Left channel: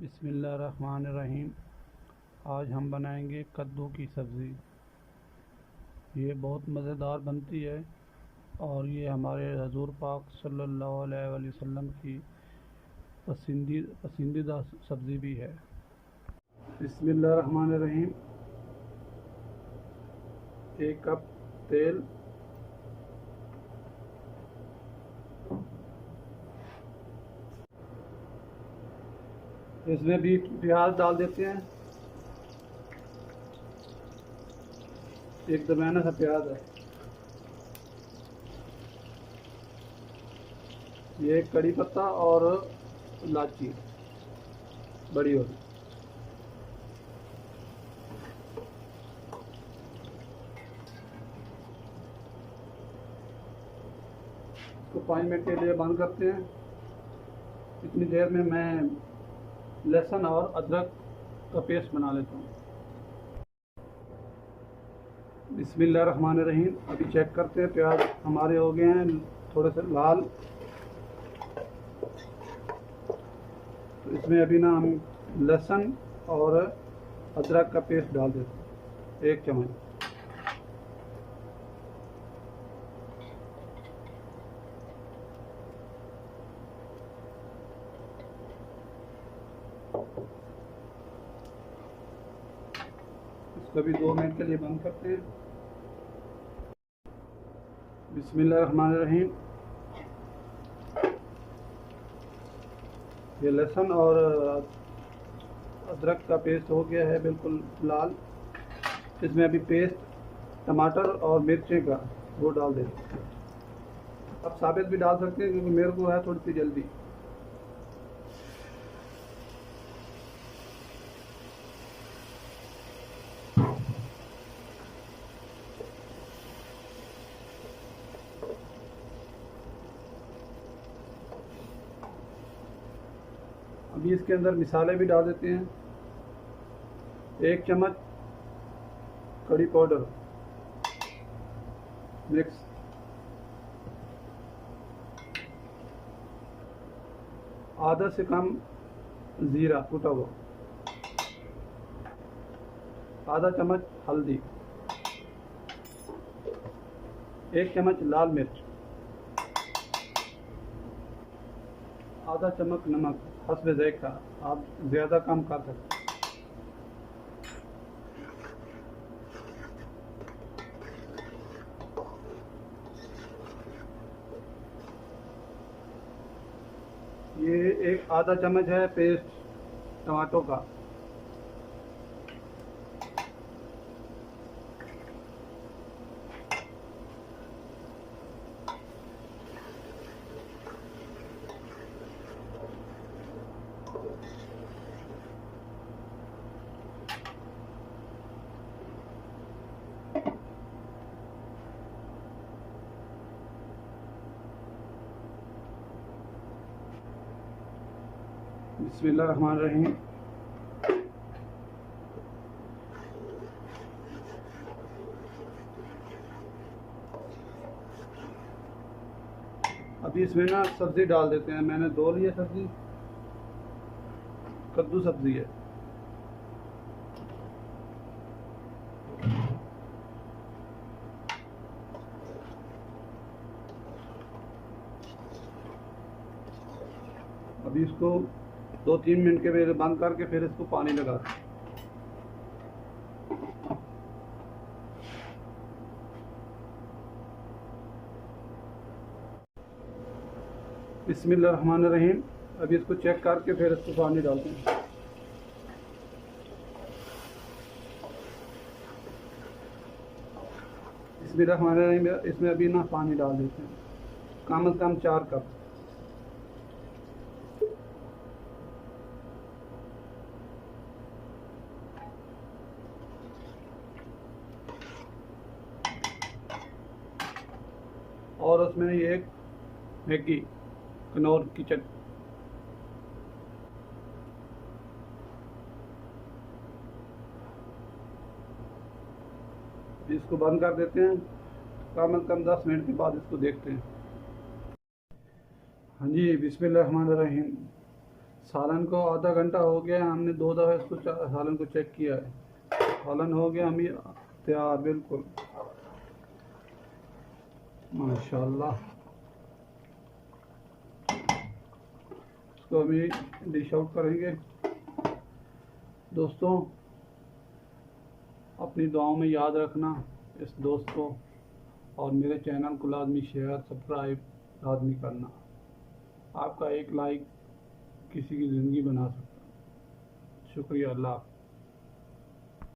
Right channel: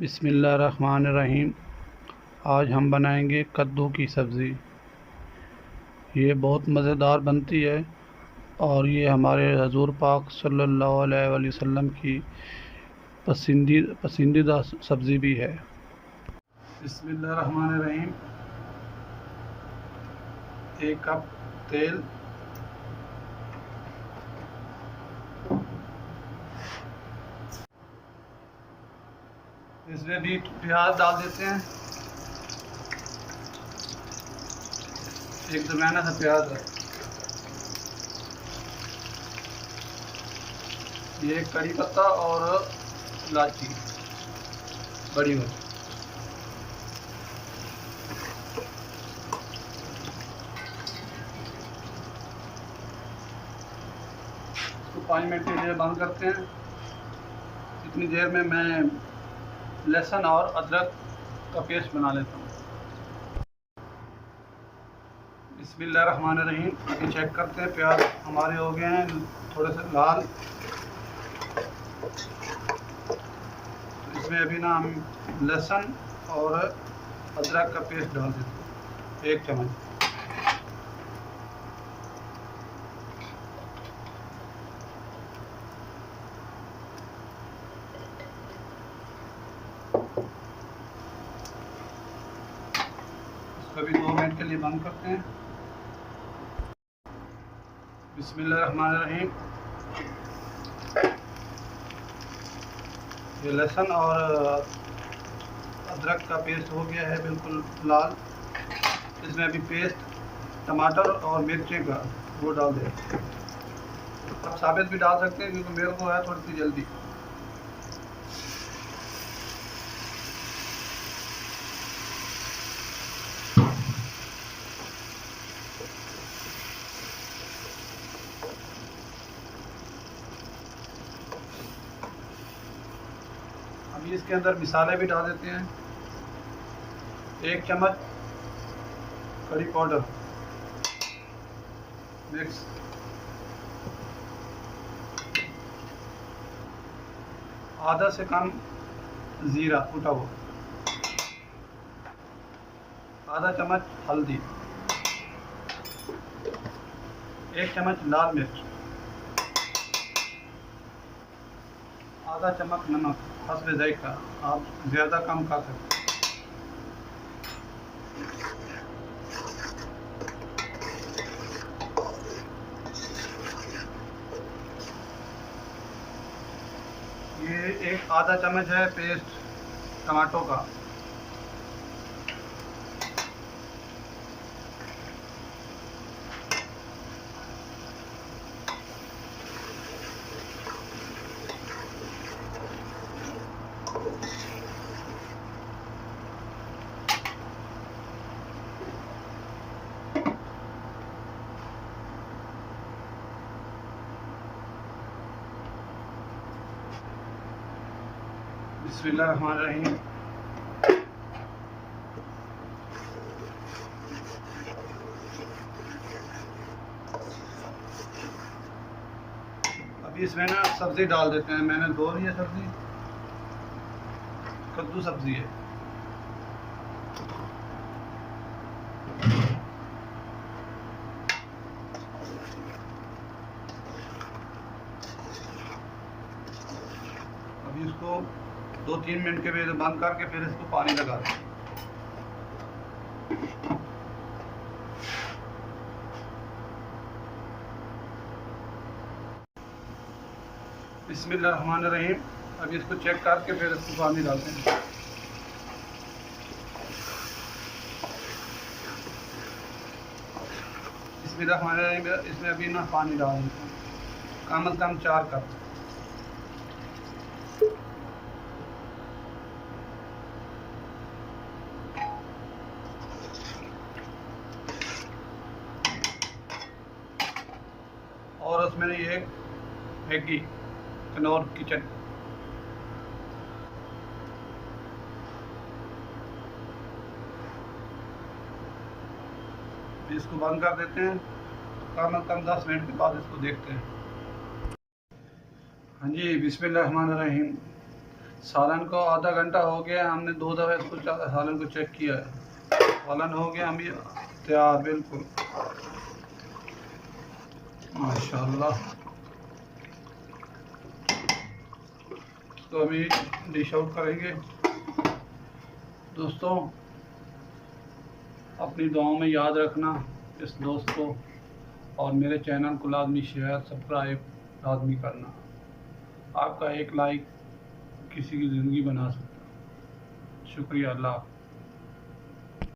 बिस्मिल्लाहिर्रहमानिर्रहीम। आज हम बनाएंगे कद्दू की सब्ज़ी। ये बहुत मज़ेदार बनती है और ये हमारे हजूर पाक सल्लल्लाहु अलैहि वसल्लम की पसंदीदा सब्ज़ी भी है। बिस्मिल्लाहिर्रहमानिर्रहीम। 1 कप तेल, इसमें भी प्याज डाल देते हैं। एक दरमियाना सा प्याज है। ये कड़ी पत्ता और इलायची बड़ी वाली। इसको 5 मिनट के लिए बंद करते हैं। इतनी देर में मैं लहसुन और अदरक का पेस्ट बना लेता हूँ। बिस्मिल्लाहिर्रहमानिर्रहीम। अभी चेक करते हैं, प्याज हमारे हो गए हैं थोड़े से लाल। तो इसमें अभी ना हम लहसुन और अदरक का पेस्ट डाल देते हैं, 1 चम्मच। इसको भी 2 मिनट के लिए बंद करते हैं। बिस्मिल्लाहिर्रहमानिर्रहीम। ये लहसुन और अदरक का पेस्ट हो गया है बिल्कुल लाल। इसमें अभी पेस्ट टमाटर और मिर्ची का वो डाल दें। आप साबित भी डाल सकते हैं क्योंकि मेरे को है थोड़ी सी जल्दी। अभी इसके अंदर मिसाले भी डाल देते हैं। 1 चम्मच कड़ी पाउडर मिक्स, आधा से कम ज़ीरा कूटा हुआ, आधा चम्मच हल्दी, 1 चम्मच लाल मिर्च, आधा चम्मच नमक हस्बे ज़ायक़ा। आप ज़्यादा कम कर सकते हैं। ये एक आधा चम्मच है पेस्ट टमाटो का। बिस्मिल्लाहिर्रहमानिर्रहीम। अभी इसमें ना सब्ज़ी डाल देते हैं। मैंने धो ली है सब्ज़ी, कद्दू सब्ज़ी है। अभी इसको 2-3 मिनट के बाद बंद करके फिर इसको पानी लगा दें। बिस्मिल्लाहिर्रहमानिर्रहीम। अभी इसको चेक करके फिर इसको पानी डालते हैं। बिस्मिल्लाहिर्रहमानिर्रहीम। इसमें अभी ना पानी डाल देते हैं, कम से कम 4 कप। और उसमें एक मैगी कनौर की चटनी। इसको बंद कर देते हैं। कम से कम 10 मिनट के बाद इसको देखते हैं। हाँ जी, बिस्मिल्लाहिर्रहमानिर्रहीम। सालन को आधा घंटा हो गया, हमने 2 दफ़ा इसको सालन को चेक किया है। सालन हो गया हम ये तैयार बिल्कुल माशाल्लाह। तो हम डिश आउट करेंगे। दोस्तों अपनी दुआओं में याद रखना इस दोस्त को, और मेरे चैनल को लाजमी शेयर सब्सक्राइब लाजमी करना। आपका एक लाइक किसी की ज़िंदगी बना सकता है। शुक्रिया। अल्लाह।